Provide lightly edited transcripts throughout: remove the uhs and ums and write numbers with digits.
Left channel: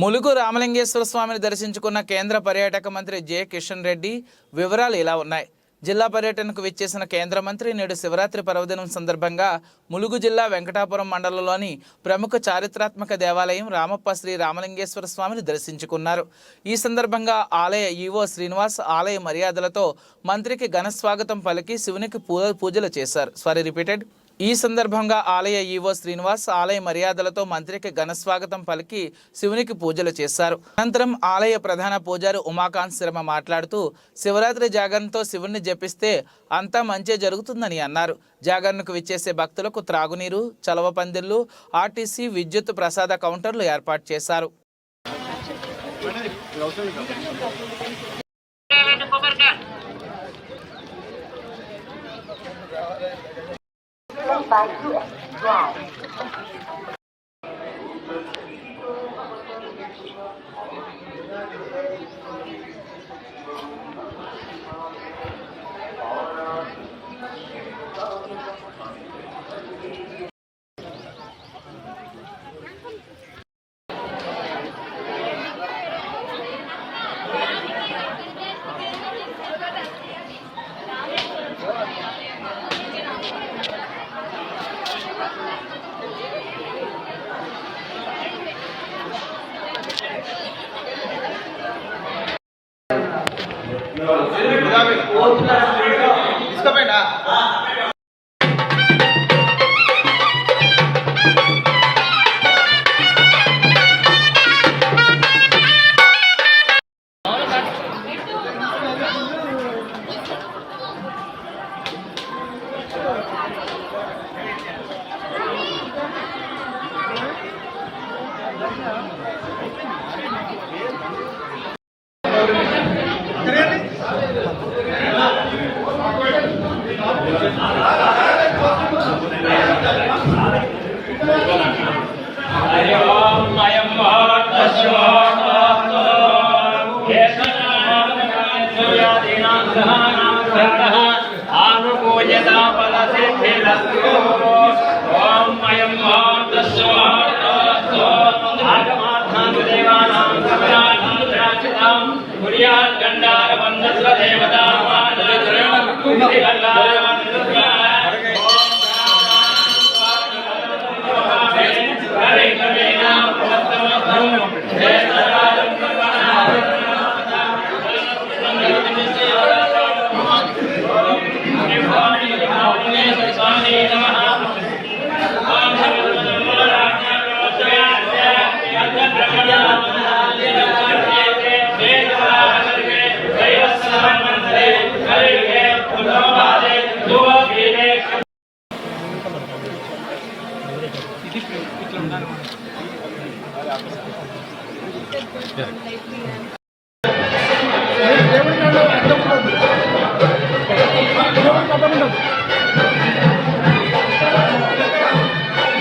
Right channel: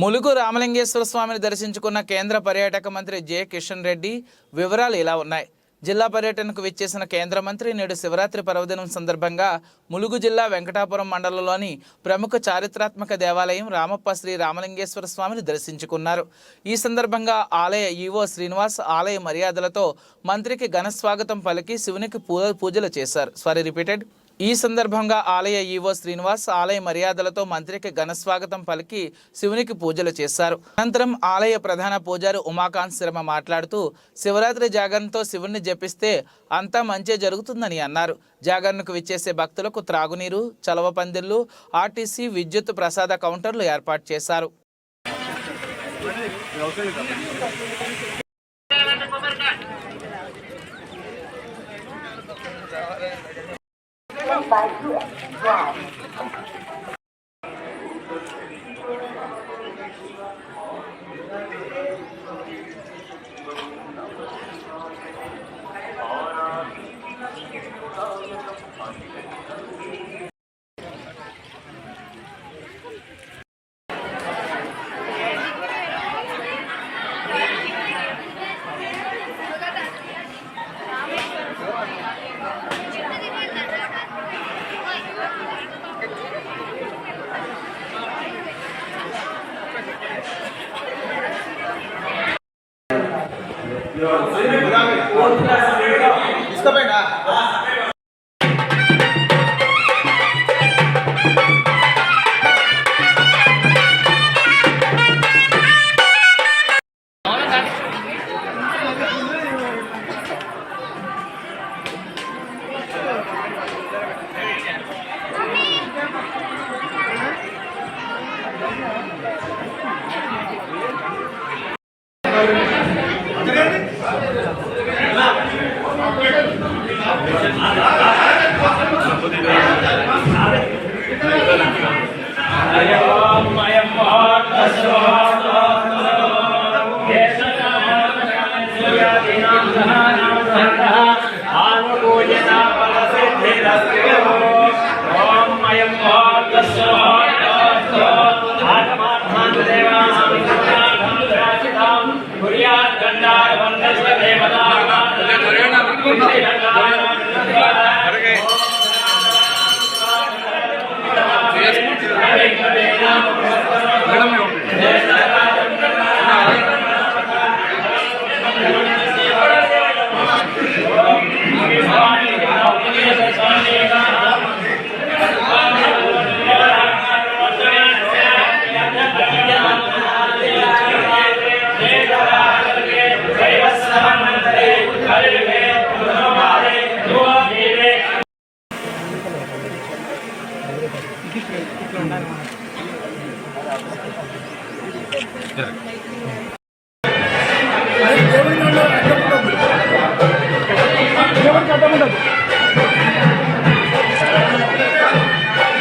ములుగు రామలింగేశ్వర స్వామిని దర్శించుకున్న కేంద్ర పర్యాటక మంత్రి జె కిషన్ రెడ్డి వివరాలు ఇలా ఉన్నాయి. జిల్లా పర్యటనకు విచ్చేసిన కేంద్ర మంత్రి నేడు శివరాత్రి పర్వదినం సందర్భంగా ములుగు జిల్లా వెంకటాపురం మండలంలోని ప్రముఖ చారిత్రాత్మక దేవాలయం రామప్ప శ్రీ రామలింగేశ్వర స్వామిని దర్శించుకున్నారు. ఈ సందర్భంగా ఆలయ ఈవో శ్రీనివాస్ ఆలయ మర్యాదలతో మంత్రికి ఘన స్వాగతం పలికి శివునికి పూజలు చేశారు. ఈ సందర్భంగా ఆలయ ఈవో శ్రీనివాస్ ఆలయ మర్యాదలతో మంత్రికి ఘన స్వాగతం పలికి శివునికి పూజలు చేశారు. అనంతరం ఆలయ ప్రధాన పూజారి ఉమాకాంత్ శర్మ మాట్లాడుతూ శివరాత్రి జాగరణతో శివుణ్ణి జపిస్తే అంతా మంచి జరుగుతుందని అన్నారు. జాగరణకు విచ్చేసే భక్తులకు త్రాగునీరు, చలవ పందిళ్లు, ఆర్టీసీ విద్యుత్ ప్రసాద కౌంటర్లు ఏర్పాటు చేశారు. by US Drive.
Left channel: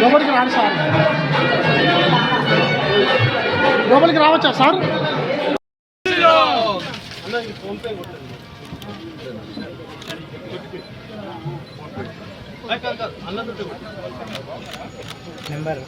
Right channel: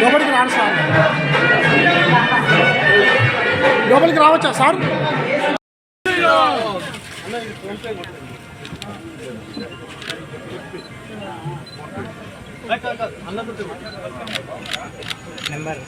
లోపలికి రాను సార్, లోపలికి రావచ్చా సార్? నెంబర్